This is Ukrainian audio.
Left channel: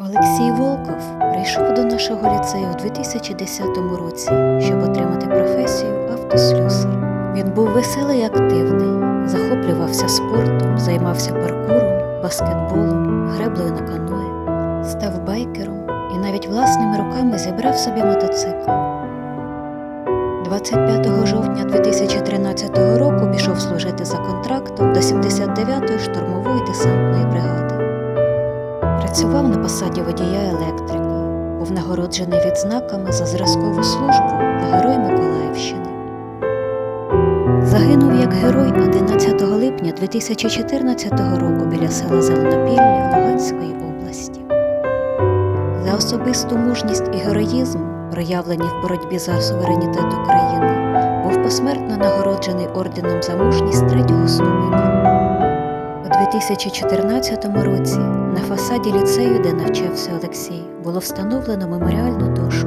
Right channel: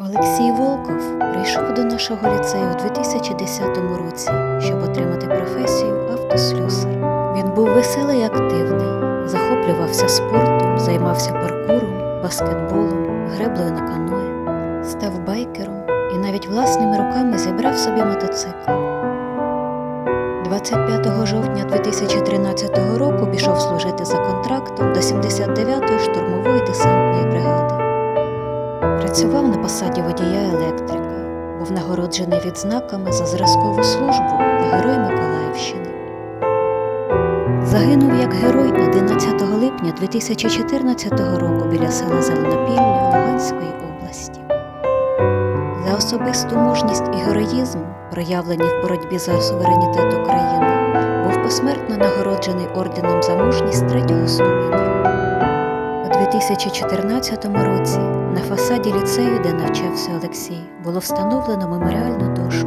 Олексій Волков прийшов до нашого ліцею у 2010 році, щоб отримати професію автослюсар. Він був веселий і активний, захоплювався спортом, займався паркуром, баскетболом, греблею на каное, став байкером і навіть власними руками зібрав собі мотоцикл. 25 жовтня 2013 року пішов служити за контрактом до 79-ї штурмової десантної бригади. Працював на посаді водія електрика, був нагороджений відзнаками за зразкову службу та Герой Миколаївщини. Загинув як герой 11 липня 2014 року біля села Зеленопілля Луганської області. За особисту мужність і героїзм, проявлені в боротьбі за суверенітет України, був посмертно нагороджений орденом за мужність третього ступеня. У 2014 році фасаді ліцею, де навчався Олексій, було встановлено меморіальну дошку.